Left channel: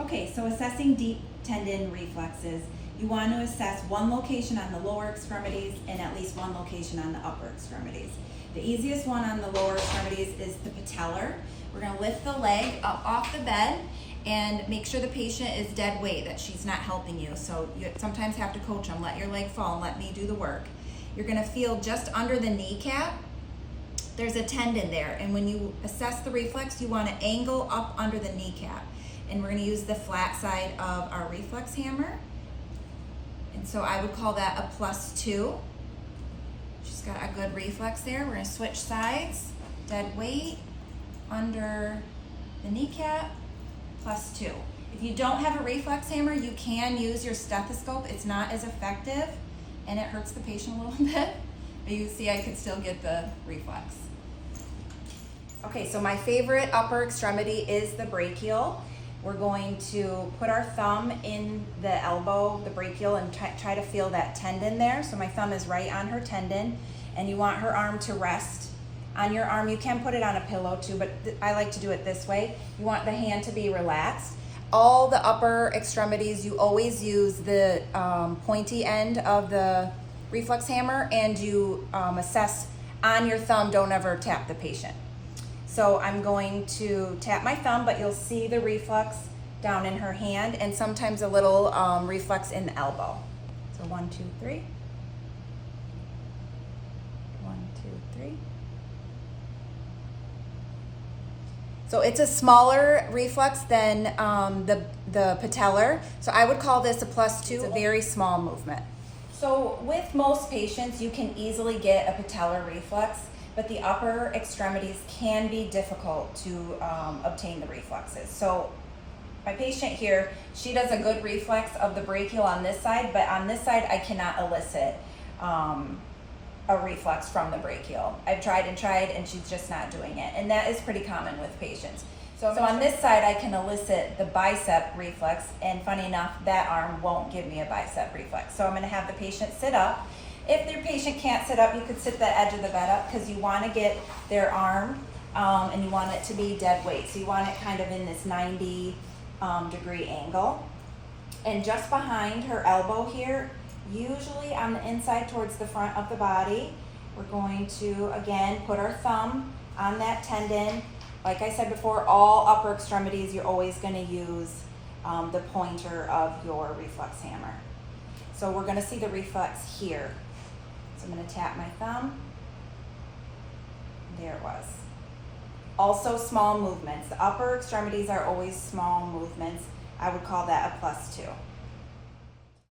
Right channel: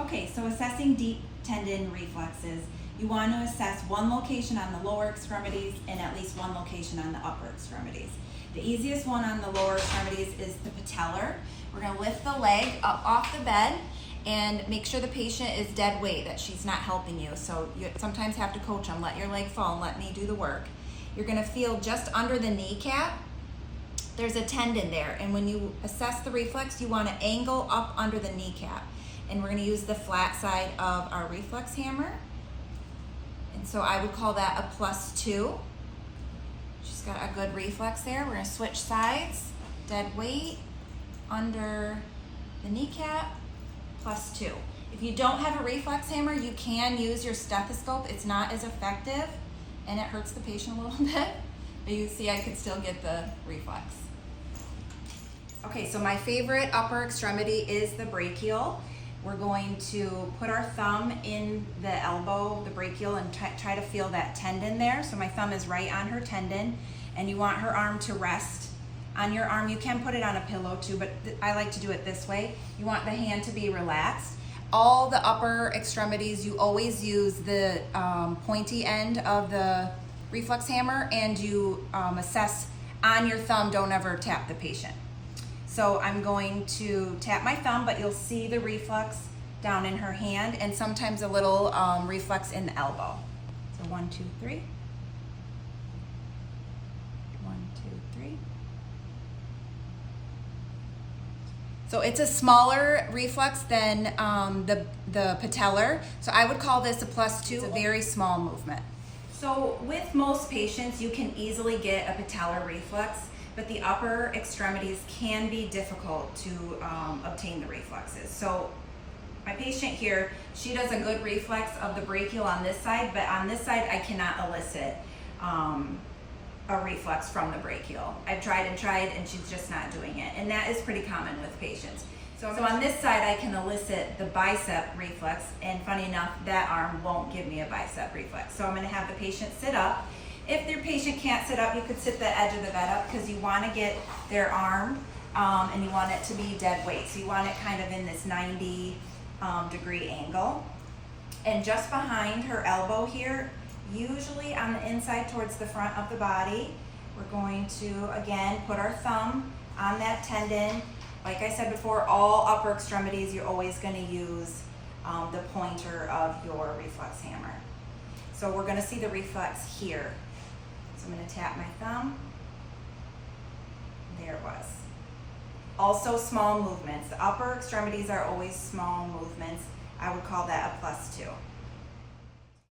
Okay, so assessing deep tendon reflexes, you want to assess one location on the lower extremities and at least one location on the upper extremities. The easiest one on the lower extremities is the patellar. We're going to lift the leg up off the bed and make sure the patient is dead weight, that she's not helping you. So you sometimes have to coach them, let your leg fall and let me do the work. You're going to feel just under the kneecap. There's a tendon there, and when you assess the reflex, you want to angle up under the kneecap. And we're going to use the flat side of our reflex hammer. And so I would call that a +2. She's got a good reflex there. We're going to switch sides. Dead weight, under the kneecap, +2. If you don't have a reflex hammer, you can use your stethoscope. It's not as effective, and it hurts the patient a little bit. But you see I could still get the reflex. Okay, so my favorite upper extremity is the brachial. We're going to put our thumb in the elbow, the brachial, and try to feel that tendon there. So my thumb is right on her tendon, and you want her arm to rest on your arm. You can put it on a pillow too, but I like to do it this way. You want the hand to be relaxed. All the upper extremities, you always use the pointy end of the reflex hammer, and you assess on your thumb. Don't ever tap the patient. So I'm going to tap my thumb, but you'll see the reflex down in her hand and sometimes a little reflex in the elbow. So 1, 2, 3. 1, 2, 3. So it's a smaller reflex than the patellar. So I would call this a +2. It's a very small movement. So with most patients, you can easily get a patellar reflex, but the upper extremities can be difficult to obtain the reflexes. So my patient here, she does a good reflex of the brachial on this side, but on this side I cannot elicit a reflex from the brachial. I've tried and she's just not doing it, and that is pretty common with patients. So on this side I can elicit the bicep reflex, and funny enough, that arm won't give me a bicep reflex. So I'm gonna have the patient sit up. If your patient can't sit up, you could sit the edge of the bed up, because you want to get their arm and you want it to be dead weight. So you want it kind of in this 90 degree angle. And just behind her elbow here, usually on the inside towards the front of the body, we're going to, again, put our thumb on that tendon. Like I said before, all upper extremities, you're always going to use the pointer of your reflex hammer. So we're going to see the reflex here. So I'm going to tap my thumb. There it was. Also small movements. The upper extremities are always small movements. I would call that a +2.